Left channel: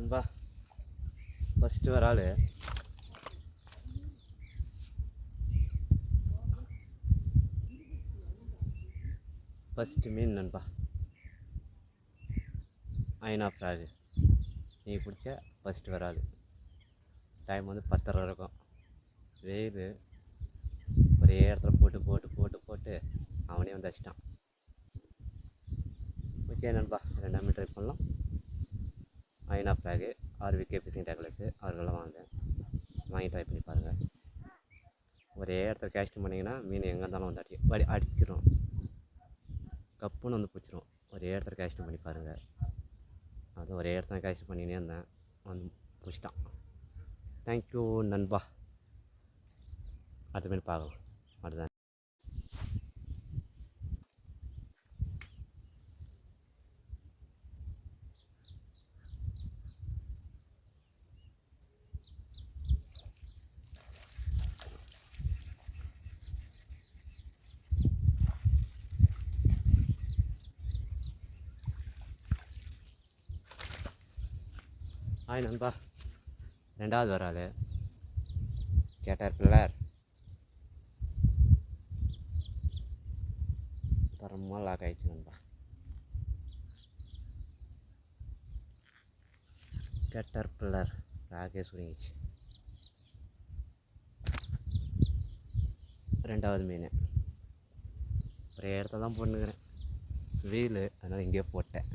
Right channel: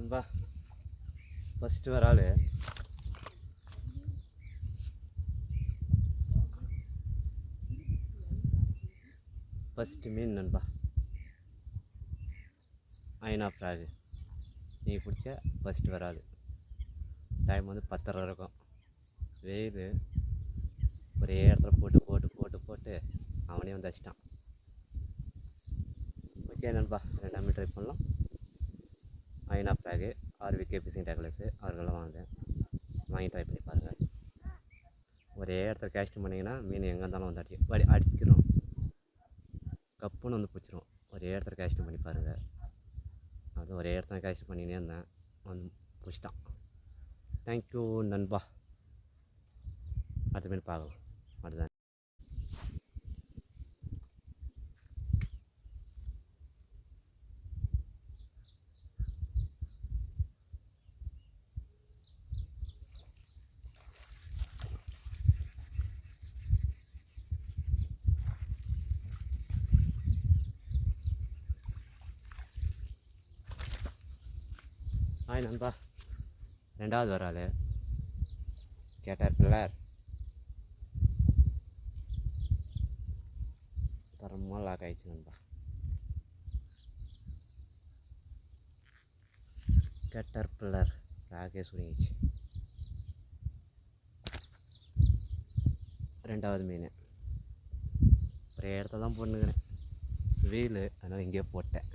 நண்பா ஃபஸ்ட்டு வர ஆள் ஃபஸ்ட்டு மீன் நண்பா ஐனா ஃப்ராகு நீ பிடிச்ச ஃபஸ்ட்டு வர ஆள். டைம் வந்து 10:30 இருக்கும். வெயில் ஒரே இடத்துல போட்டு போட்டு போட்டு போட்டு அவனே வந்து அடிச்சிட்டான். ஓகே நண்பா, 2ஆம் ட்ரை பண்ணலாம். ஐனா ஃப்ராகு ஆர்விகே ஃபிஷிங் டேக்லஸு அவர்களெல்லாம் வாங்கி ட்ரை பண்ணி பாருங்கள். ஒரே இடத்துல கேஸ்ட் பண்ணிங்கன்னா மீன் எங்கே இருந்தாலும் வந்து அடிச்சிடும், கப்புன்னு வந்து பிடிச்சிரும். ஒரே இடத்துல கேஸ்ட் பண்ணி பாருங்கள். அது ஒரே இடத்துல கேஸ்ட் பண்ணினே இருந்தேன், வந்து பிடிச்சிட்டான். தேங்க்யூ நண்பா. அதுமாரி பார்க்கலாம். அதுதான் ஹாய் நண்பா, 2வது வர ஆள் கேட்டர்பில்லர் தரமாக லாக் ஆகிடுச்சு நண்பா. கேட்டர்பில்லர் லாகே சுருங்கிச்சு. 2வது மீன் ஒரே இடத்துல தான் போட்டுக்கிறேன். வெயில் அதனால் இங்கேயே போட்டேன்.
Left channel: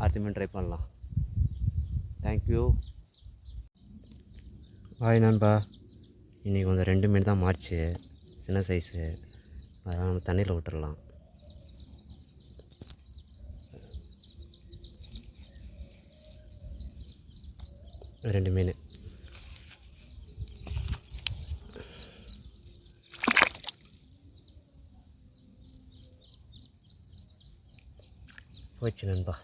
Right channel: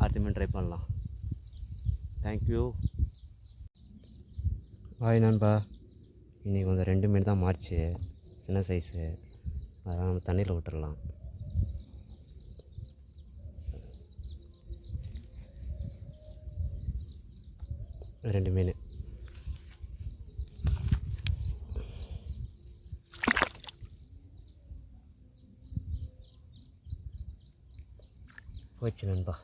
அடுத்த மீன் ட்ரை பண்ணலாம். தேங்க்யூ. ஹாய் நண்பா, இன்றைக்கி கொஞ்சம் 2 மீன் தான் மாறிச்சு, சின்ன சைஸு. அதெல்லாம் நம்ம தண்ணியில் விட்டுடலாம். ரெண்டு மீன் போச்சு நண்பா.